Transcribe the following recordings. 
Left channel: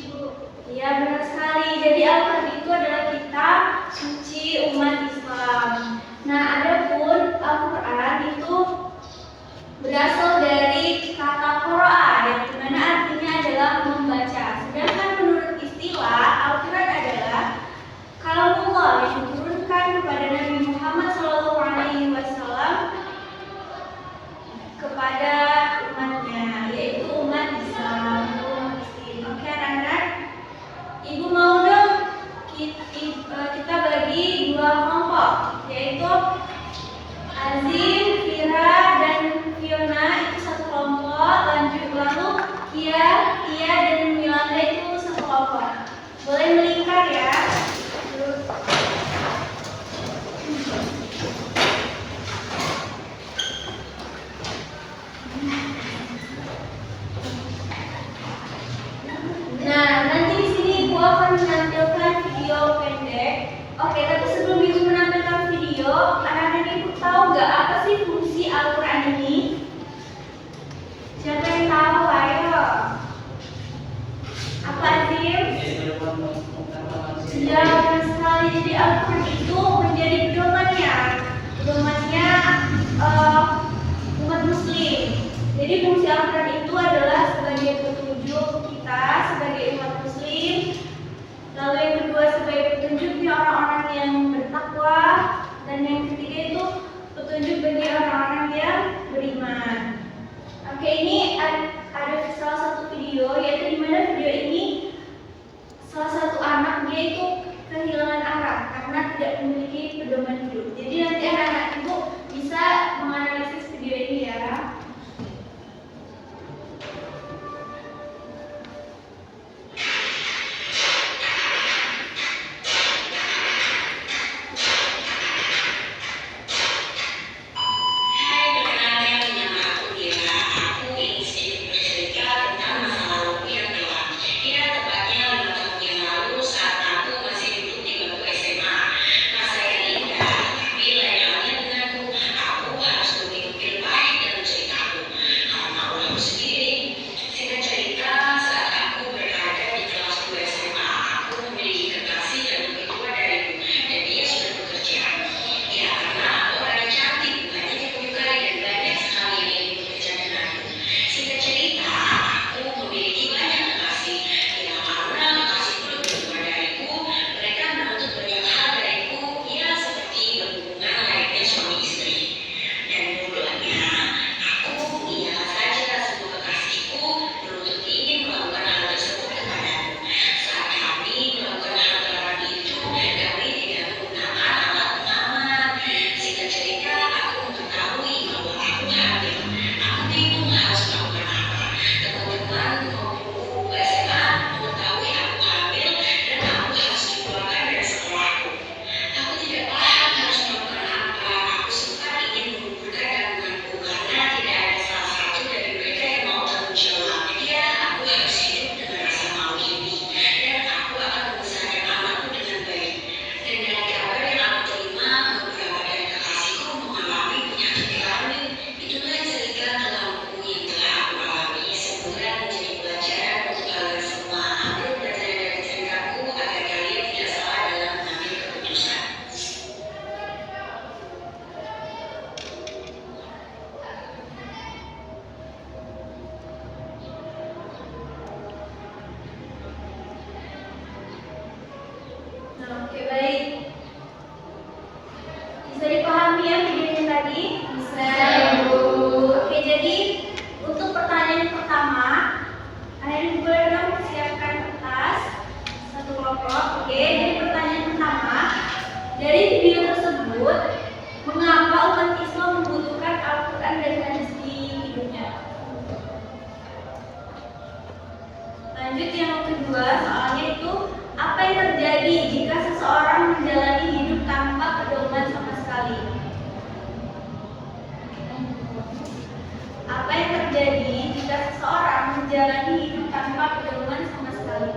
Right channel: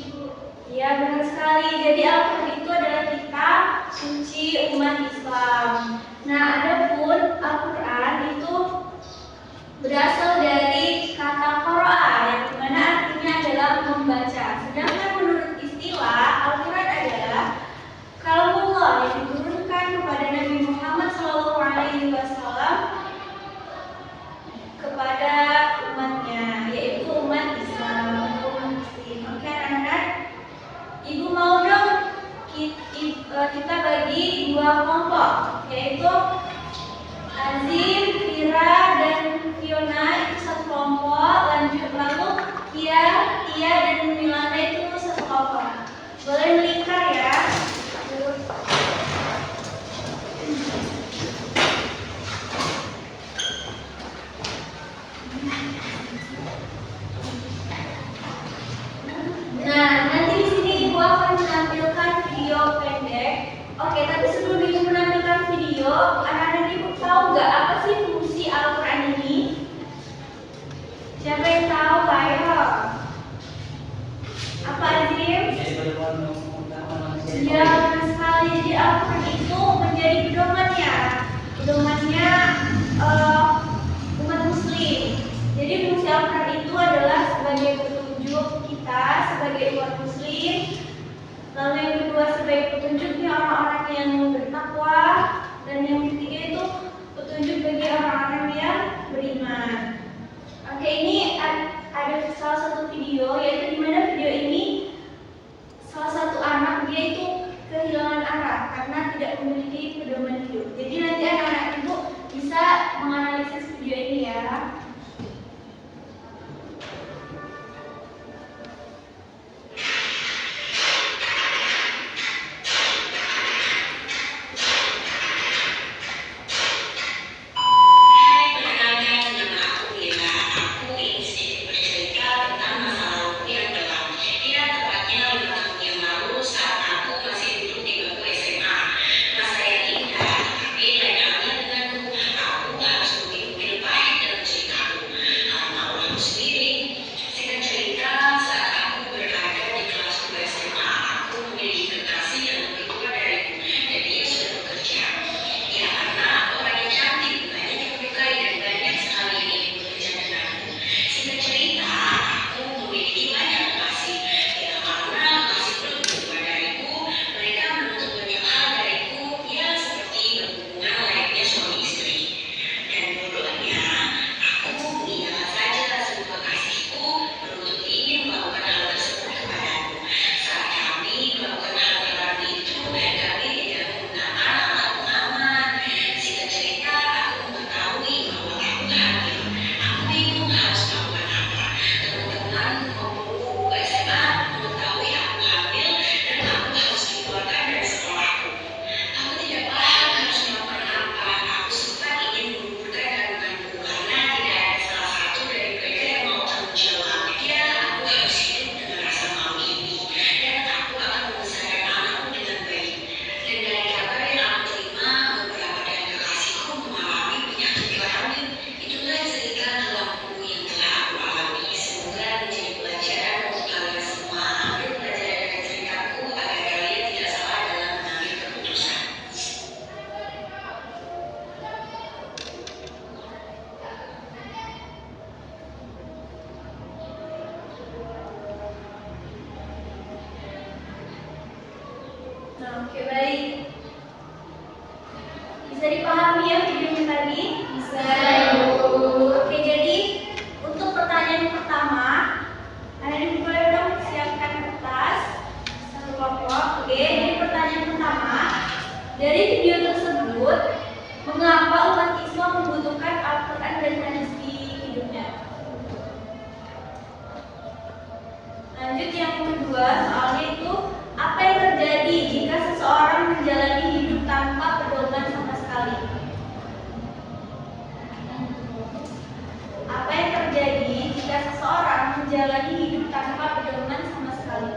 Ibu. Ya, benar sekali. Jadi Al-Quran itu adalah kitab suci umat Islam. Nah, adapun Al-Quran itu berasal dari kata qira'a, yang dimana artinya adalah membaca. Sedangkan menurut istilah, Al-Quran adalah kalamullah yang diturunkan kepada Nabi Muhammad SAW kepada umatnya, yaitu umat Islam atau umat Muslim. Oke anak-anak, Ibu mau dong kita bagi dua kelompok, yaitu Azim, Fira, dan Fiona itu satu kelompok, lalu Kia, Tia, dan Milanda itu satu kelompok. Boleh melingkar ya. Nah, nanti di sini Ibu akan menampilkan video pendek. Oke, tapi sebelum Ibu menampilkan video, anak-anak Ibu tahu nggak apa sih fungsi Al-Quran ini? Siapa yang tahu? Ayo. Apa Azim? Ya, benar sekali. Jadi Al-Quran itu menjadi pedomannya umat Muslim. Jadi fungsi Al-Quran itu adalah sebagai petunjuk kita sebagai umat Muslim. Lalu yang kedua sebagai petunjuknya orang-orang yang bertakwa, dan yang ketiga itu petunjuk bagi orang-orang yang beriman. Oke, ini ada salah satu video, yaitu di mana video ini salah satu anak dia itu kehilangan arah karena tidak memiliki pedoman hidup. Jadi nanti anak-anak Ibu bisa menganalisis video ini ya. Oke, baik. Bisa dipahami ya videonya tadi? Bisa, Ibu. Oke, jadi untuk pertanyaan pertama, anak-anak boleh dong siapkan kertas satu kelompok. Oke, jadi pertanyaan pertama, dari video tersebut, mengapa umat Islam membutuhkan Al-Quran dan hadis di hidupnya? Lanjut yang kedua, soalnya itu apa yang terjadi jika seseorang menjalani hidup tanpa pedoman sama sekali? Apa yang terjadi jika seseorang menjalani hidup tanpa pedoman sama sekali?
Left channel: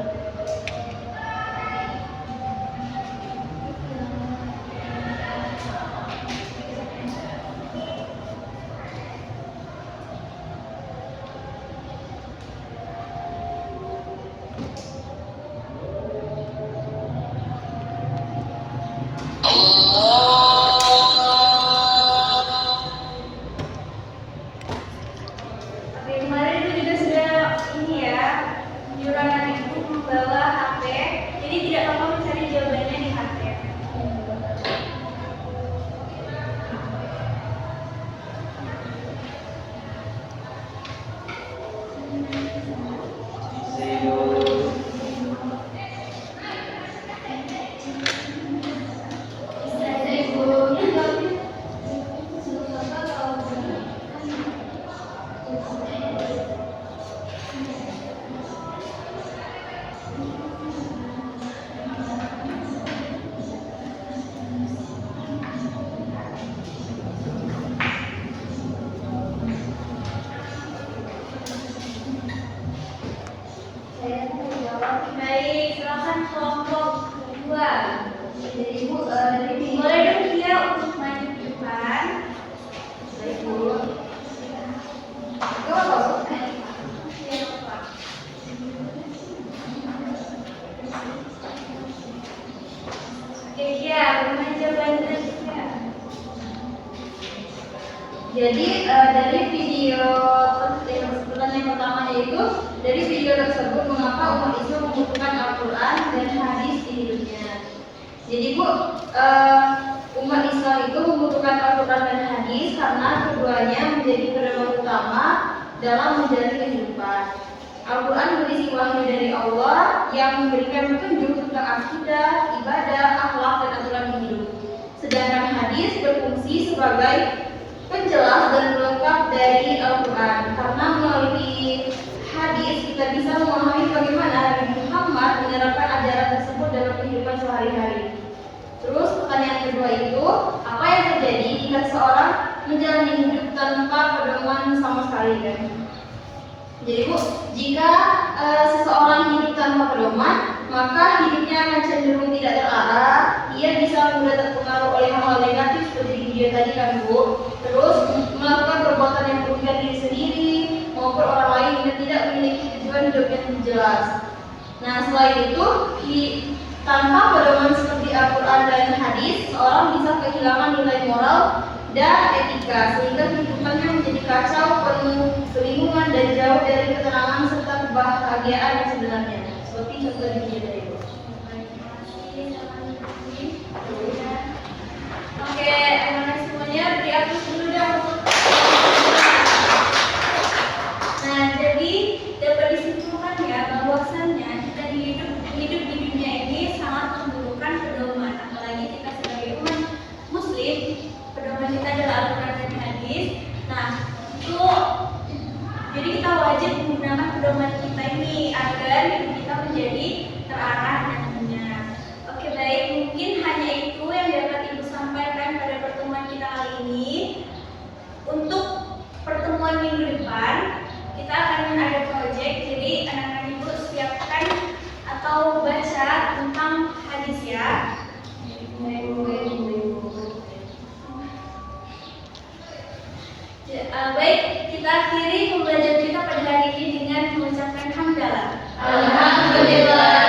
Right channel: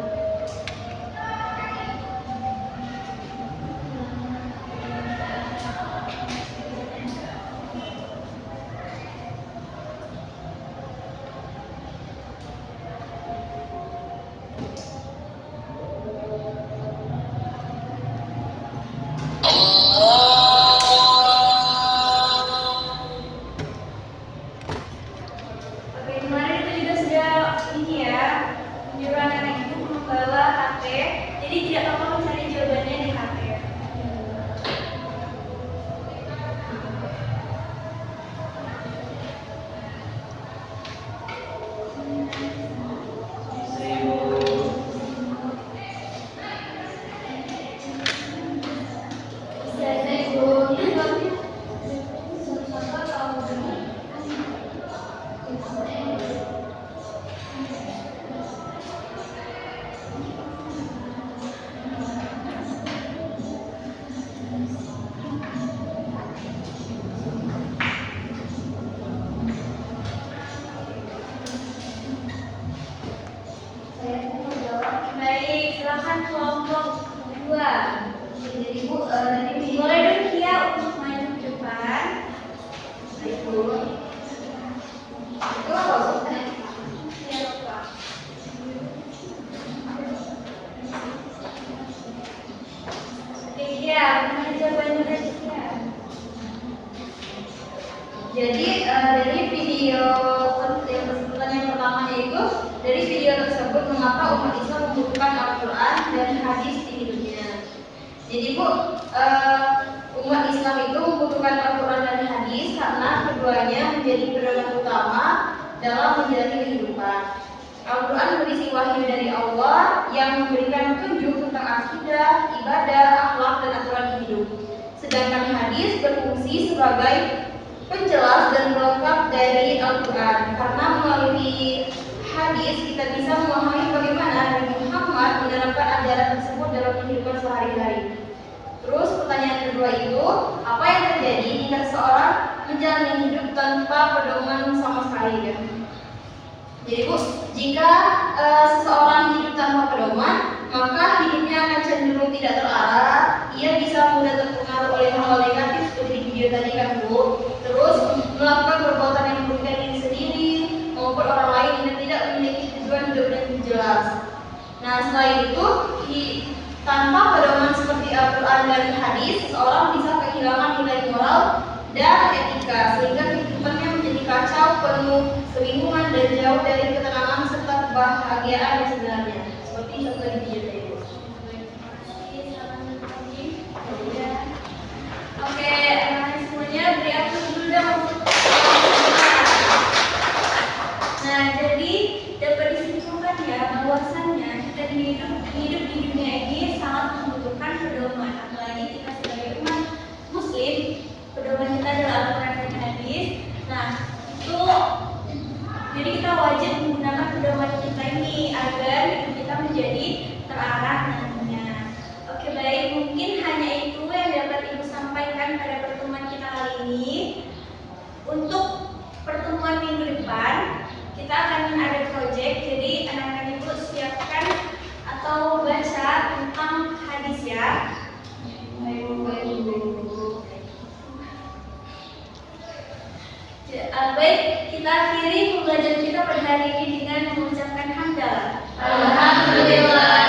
Jadi dari video yang pertama yaitu dari video tersebut mengapa umat Islam membutuhkan Al-Quran dan hadis di hidupnya. Jadi Bu, umat Islam itu membutuhkan Al-Quran dan hadis karena keduanya menjadi pedoman utama dalam menjalani kehidupan. Al-Quran berisi wahyu dari Allah yang memberikan petunjuk tentang akidah, ibadah, akhlak, dan aturan hidup. Sedangkan hadis berfungsi sebagai penjelas dan pelengkap dari Al-Quran. Karena melalui hadis kita bisa memahami bagaimana Nabi Muhammad menerapkan ajaran tersebut dalam kehidupan sehari-hari. Terus pertanyaan kedua itu, apa yang terjadi jika seseorang menjalani hidup tanpa pedoman sama sekali kan? Jadi Bu, jika seseorang hidup tanpa pedoman, maka hidupnya akan cenderung tidak terarah. Ia bisa mudah terpengaruh oleh hal-hal negatif seperti di video tadi kan Bu. Terus melakukan perbuatan yang merugikan diri sendiri maupun orang lain yang tidak memiliki tujuan hidup yang jelas. Nah selain itu, tanpa pedoman seperti Al-Quran dan hadis, seseorang bisa kehilangan nilai moral dan etika sehingga kehidupannya menjadi kacau, penuh kebingungan dan jauh dari ketenangan serta kebahagiaan yang sebenarnya. Seperti contoh di video tadi. Oke, semuanya beri aku dulu dong untuk. Nah, jadi dapat disimpulkan ya bahwasannya kita hidup di dunia ini sangat membutuhkan pedoman, apalagi kita sebagai umat Muslim, pedoman kita adalah Al-Quran dan hadis. Nah, itu jadi kita wajib menggunakan pedoman kita ini agar hidup kita menjadi terarah nantinya. Oke baik, mungkin hanya itu yang dapat Ibu sampaikan pada pertemuan kita kali ini. Untuk pertemuan minggu depan kita akan ada project, jadi anak-anak Ibu siapkan atau baca tentang hadis ya. Baik, kita akhiri pembelajaran kita pada hari ini dengan mengucapkan hamdalah. Alhamdulillah.